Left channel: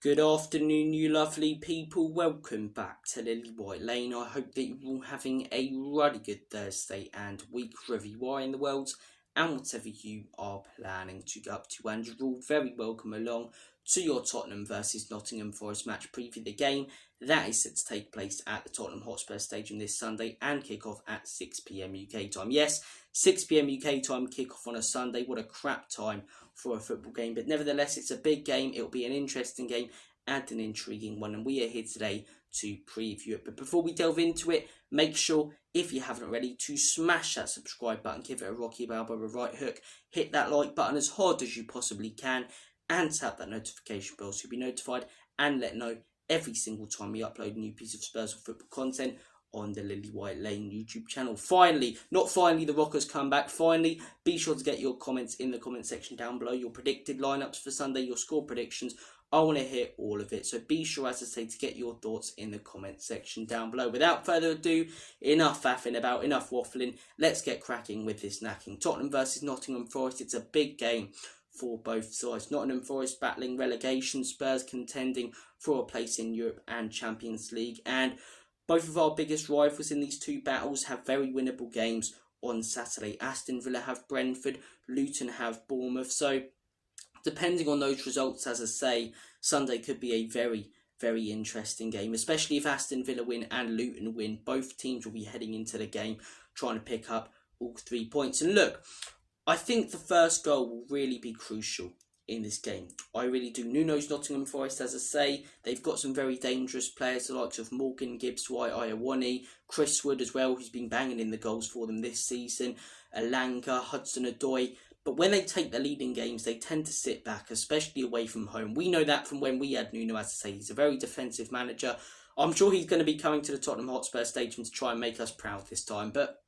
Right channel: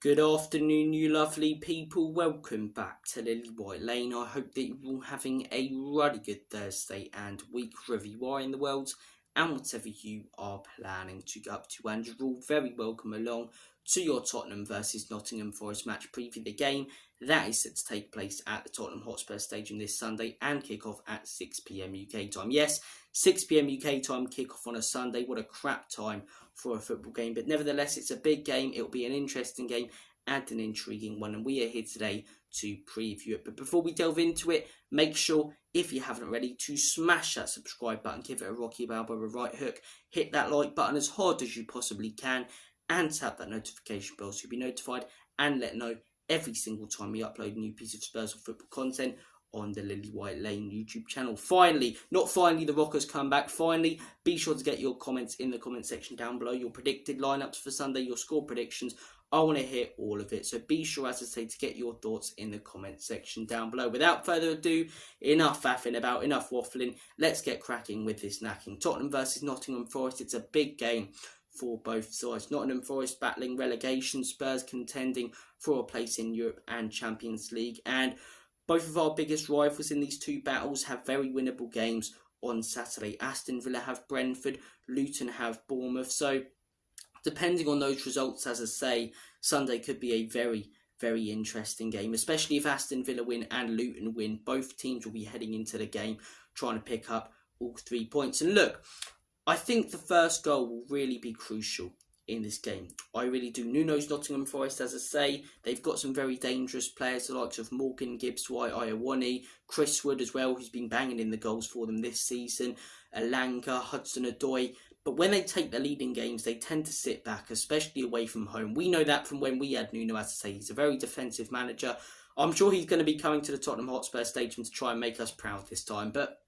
Good afternoon, you lovely people. Welcome back to Lily White Lane. I hope that you're all having a really good Thursday and week wherever you are in the world and whatever you are planning to get up to. And you're all very welcome along to your Tottenham versus Nottingham Forest match preview. The game that is set to take place at the Tottenham Hotspurs Stadium this Sunday and kick off at 6 p.m. UK time. Yes, 6 p.m. UK time kick off on a Sunday. What a crap time for a football game, but nevertheless it's a big game. It'll be an interesting game and an intriguing one, and we are here today to preview it. But before we delve into it, make sure, if you haven't already, to smash that subscribe button, give it a Rocky Balboa right hook, hit that like button as hard as you possibly can, and tap that notification bell so you'll be notified and let know every single time we upload a new piece of Spurs or football content on the Lily White Lane YouTube channel. Finally, the Rockers come back. Finally, be sure to get your comments in the comment section down below. Your predicted lineups for Sunday, your score predictions. I want to hear all of it. So be sure, as I say, to get your thoughts in the comment section down below. Without further ado, enough faffing about, enough waffling. Let's get cracking with this knacking. Tottenham versus Nottingham Forest. It's a big game for both sides. Nottingham Forest battling relegation, Spurs contending for a place in Europe and Champions League. And both of our biggest rivals in these two battles have very winnable games on Saturday. Aston Villa have Brentford, Luton have Bournemouth. So, depending on those results, as I say, Sunday could be a very, very interesting game, especially if Aston Villa win and Luton win. Both teams will be heading into the game trying to pick up all 3 points. And look, I think the first goal will really be crucial in this game. I really do. Nuno's Nottingham Forest, as I say, they've got some very dangerous players, the likes of Morgan, Gibbs White, Iowani, Chris Wood as well, who's been banging in the goals for them this season, Alanga, Hudson-Odoi. But when they take the lead in games, they tend to sit back, especially away from home. We know that from when we had Nuno, as I say. He's a very defensive manager. I'm sure he's going to be coming to the Tottenham Hotspur Stadium to try and make us proud this time. But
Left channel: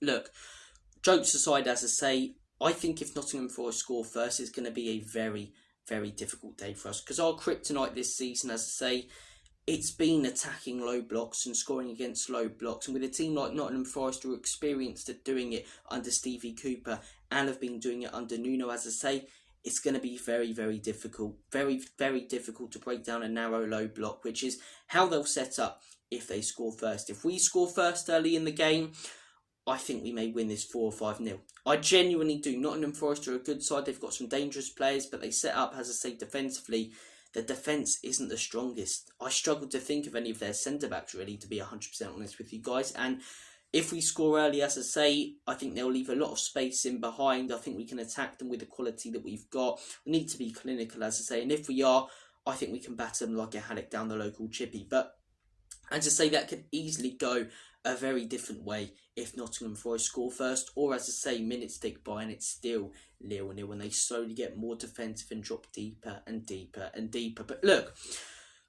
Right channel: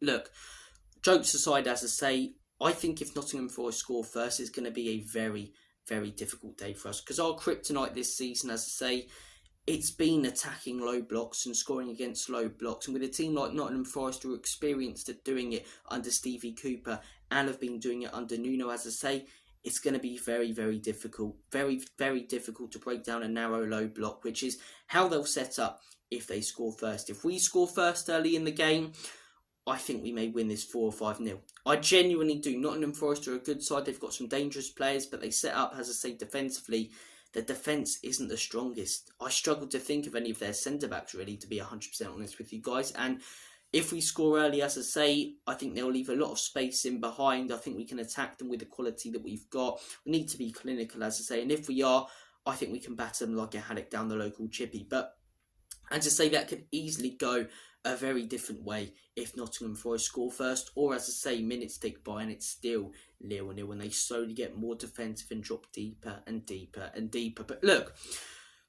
look, jokes aside, as I say, I think if Nottingham Forest score first, it's going to be a very, very difficult day for us. Because our kryptonite this season, as I say, it's been attacking low blocks and scoring against low blocks. And with a team like Nottingham Forest who are experienced at doing it under Stevie Cooper and have been doing it under Nuno, as I say, it's going to be very, very difficult. Very, very difficult to break down a narrow low block, which is how they'll set up if they score first. If we score first early in the game, I think we may win this 4 or 5-0. I genuinely do. Nottingham Forest are a good side. They've got some dangerous players, but they set up, as I say, defensively. The defence isn't the strongest. I struggle to think of any of their centre-backs, really, to be 100% honest with you guys. And if we score early, as I say, I think they'll leave a lot of space in behind. I think we can attack them with the quality that we've got. We need to be clinical, as I say. And if we are, I think we can batter them like a haddock down the local chippy. But as I say, that could easily go a very different way if Nottingham Forest score first, or as I say, minutes tick by and it's still 0-0 and they slowly get more defensive and drop deeper and deeper and deeper. But look,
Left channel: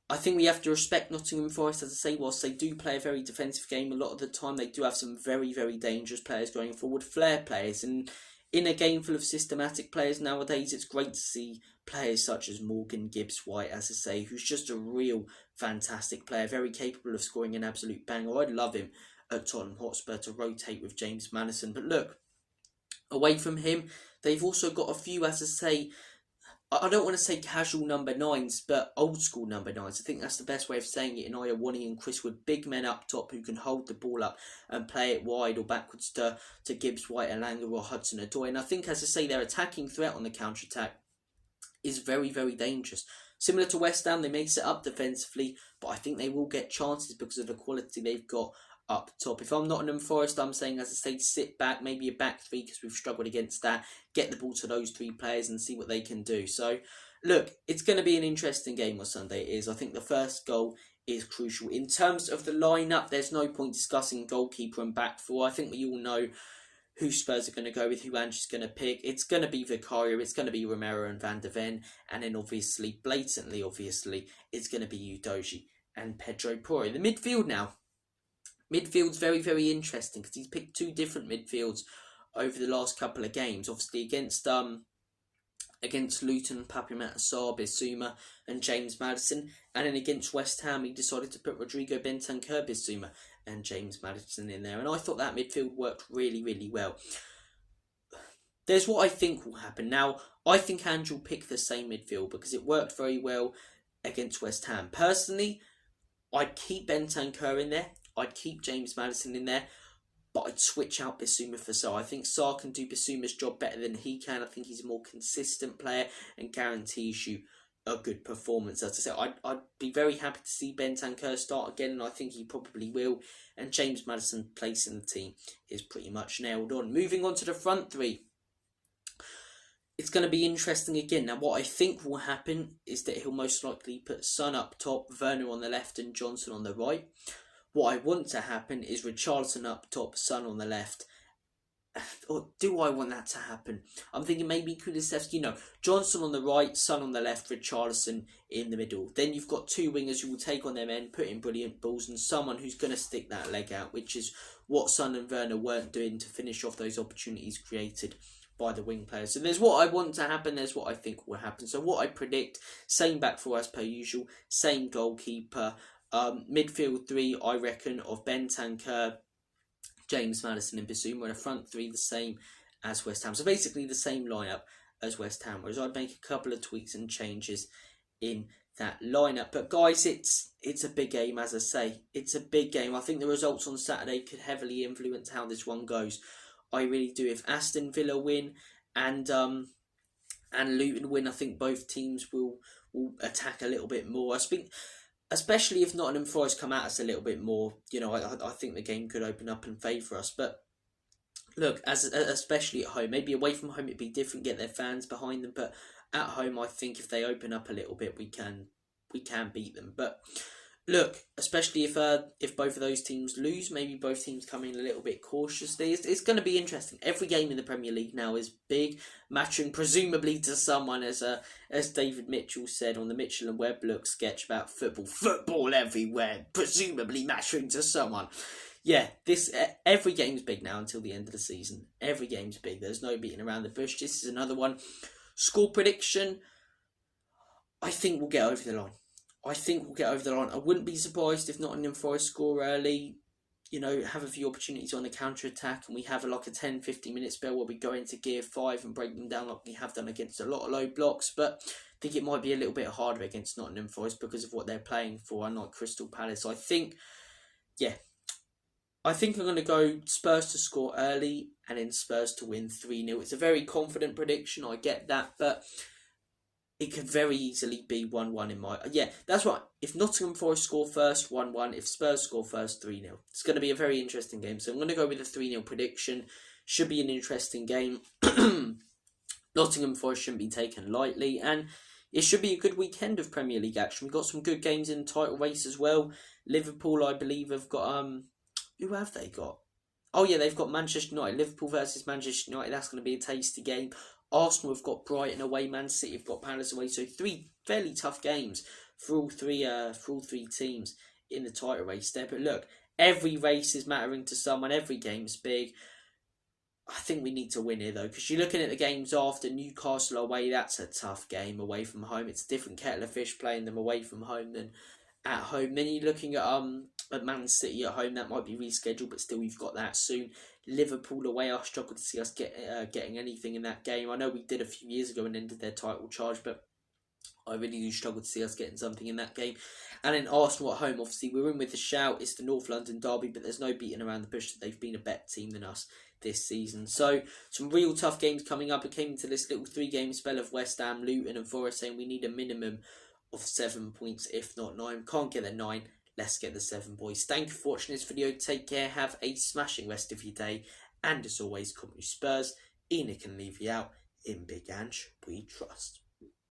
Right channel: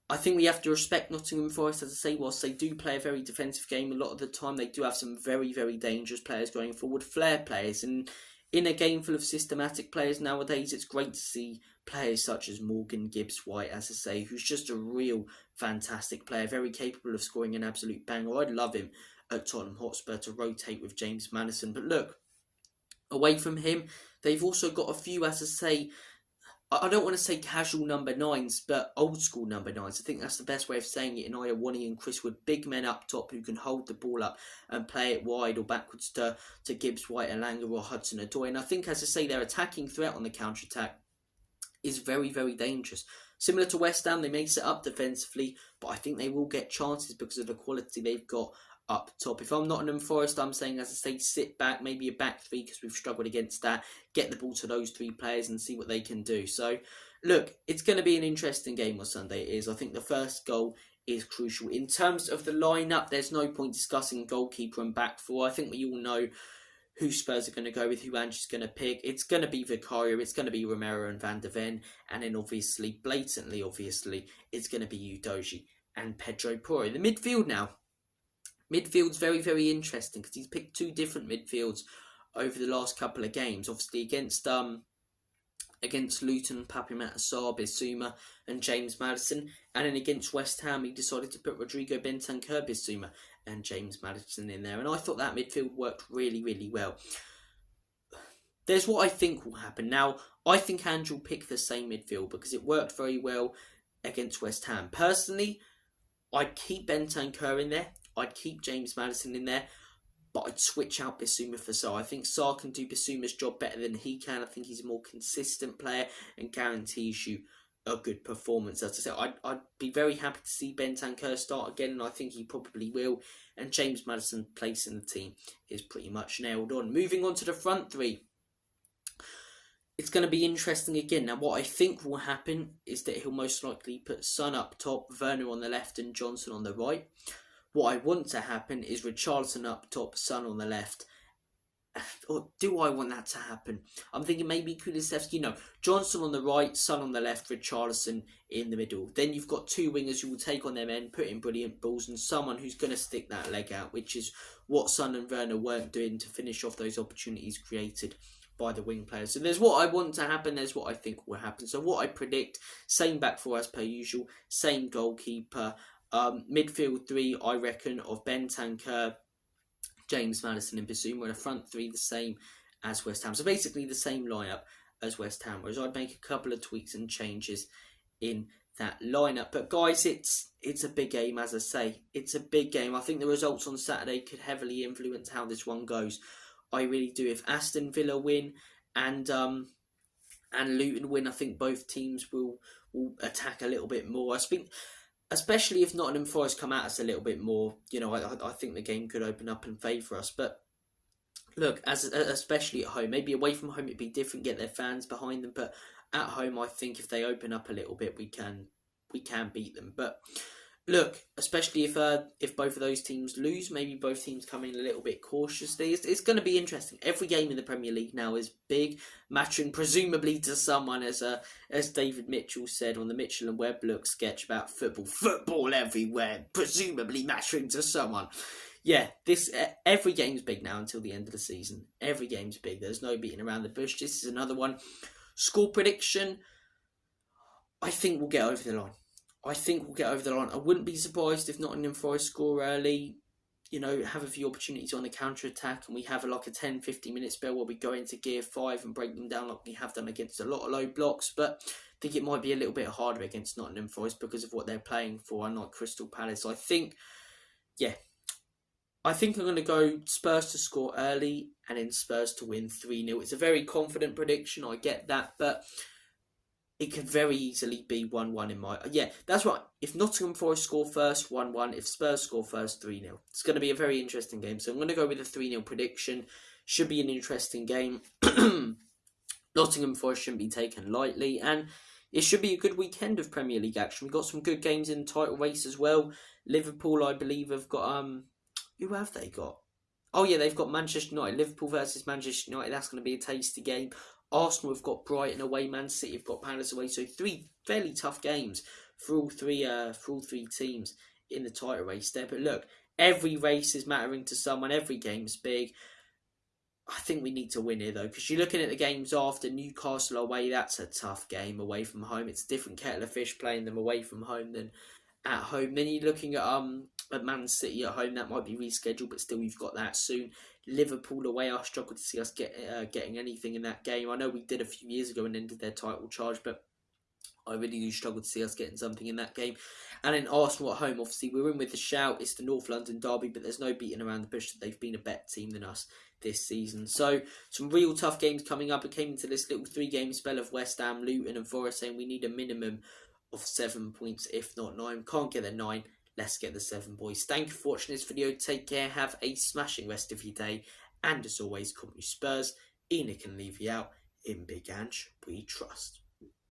I think we have to respect Nottingham Forest, as I say, whilst they do play a very defensive game a lot of the time, they do have some very, very dangerous players going forward, flair players, and in a game full of systematic players nowadays, it's great to see players such as Morgan, Gibbs White, as I say, who's just a real fantastic player, very capable of scoring an absolute banger. I'd love him at Tottenham Hotspur to rotate with James Maddison. But look, away from him, they've also got a few, as I say, I don't want to say casual number 9s, but old school number 9s. I think that's the best way of saying it. In Iowani and Chris Wood, big men up top who can hold the ball up and play it wide or backwards to Gibbs White, Alanga or Hudson-Odoi. And I think, as I say, their attacking threat on the counter-attack is very, very dangerous. Similar to West Ham, they may set up defensively, but I think they will get chances because of the quality they've got up top. If I'm Nottingham Forest, I'm saying, as I say, sit back, maybe a back three because we've struggled against that. Get the ball to those 3 players and see what they can do. So, look, it's going to be an interesting game on Sunday. It is. I think the first goal is crucial. In terms of the lineup, there's no point discussing goalkeeper and back four. I think we all know who Spurs are going to go with, who Ange's going to pick. It's going to be Vicario, it's going to be Romero and Van der Ven, and then obviously, blatantly obviously, it's going to be Udogie and Pedro Porro. In the midfield now, midfield's very, very interesting because he's picked 2 different midfields over the last couple of games. Obviously against Luton, Papimata Sarr, Bissouma and James Maddison. And then against West Ham, he decided to put Rodrigo Bentancur, Bissouma and James Maddison in there. And I thought that midfield worked really, really well. There's what I think will happen. Now, I think Ange will pick the same midfield because it worked very well against West Ham. Personally, I'd keep Bentancur in there. I'd keep James Maddison in there. But I'd switch out Bissouma for Sarr. I think Sarr can do Bissouma's job better than he can. I think he's a more consistent player and guarantees you a good performance. As I said, I'd be very happy to see Bentancur start again, and I think he probably will. And James Maddison's place in the team is pretty much nailed on. Moving on to the front three. It's going to be interesting again. Now, what I think will happen is that he'll most likely put Son up top, Werner on the left and Johnson on the right. What I want to happen is Richarlison up top, Son on the left. Or do I want that to happen? I'm thinking maybe Kulusevski. No, Johnson on the right, Son on the left, Richarlison in the middle. Then you've got two wingers who will take on their men, put in brilliant balls, and someone who's going to stick that leg out, which is what Son and Werner weren't doing to finish off those opportunities created by the wing players. So there's what I want to happen, there's what I think will happen. So what I predict, same back four as per usual, same goalkeeper. Midfield three, I reckon, of Bentancur, James Maddison and Bissouma. The front three the same as West Ham. So basically the same lineup as West Ham. Whereas I'd make a couple of tweaks and changes in that lineup. But guys, it's a big game, as I say. It's a big game. I think the results on Saturday could heavily influence how this one goes. I really do. If Aston Villa win and Luton win, I think both teams will attack a little bit more. I think, especially if Nottingham Forest come at us a little bit more, I think the game could open up in favour us. But look, especially at home, maybe away from home it'd be different, get their fans behind them. But at home, I think if they open up a little bit, we can beat them. But look, especially if both of those teams lose, maybe both teams come in a little bit cautiously. It's going to be interesting. Every game in the Premier League now is big, matching presumably to someone, as David Mitchell said on the Mitchell and Webb Look sketch about football everywhere, presumably matching to someone. Yeah, every game's big now until the end of the season. Every game's big. There's no beating around the bush. This is another one. Score prediction, I think we'll get over the line. I wouldn't be surprised if Nottingham Forest score early, have a few opportunities on the counter-attack, and we have like a 10-15 minute spell where we go into gear 5 and break them down like we have done against a lot of low blocks. But I think it might be a little bit harder against Nottingham Forest because of what they're playing for, unlike Crystal Palace. I think I'm going to go Spurs to score early and then Spurs to win 3-0. It's a very confident prediction, I get that, but it could very easily be 1-1 in my... Yeah, that's right. If Nottingham Forest score first, 1-1. If Spurs score first, 3-0. It's going to be a very interesting game. So I'm going to go with a 3-0 prediction. Should be an interesting game. Nottingham Forest shouldn't be taken lightly. And it should be a good weekend of Premier League action. We've got some good games in the title race as well. Liverpool, I believe, have got... Who have they got? Oh, yeah, they've got Manchester United. Liverpool versus Manchester United. That's going to be a tasty game. Arsenal have got Brighton away, Man City have got Palace away. So 3 fairly tough games for all three teams in the title race there. But look, every race is mattering to someone. Every game's big. I think we need to win here though, because you're looking at the games after. Newcastle away, that's a tough game away from home. It's a different kettle of fish playing them away from home than at home. Then you're looking at Man City at home. That might be rescheduled, but still you've got that soon. Liverpool away, I struggle to see us getting anything in that game. I know we did a few years ago and ended their title charge, but I really do struggle to see us getting something in that game. And then Arsenal at home, obviously we're in with a shout. It's the North London derby, but there's no beating around the bush that they've been a better team than us this season. So some real tough games coming up. It came into this little 3-game spell of West Ham, Luton and Forest saying we need a minimum of 7 points, if not 9. Can't get the 9. Let's get the 7, boys. Thank you for watching this video. Take care. Have a smashing rest of your day. And as always, come with Spurs. Enoch can leave you out. In Big Ange, we trust.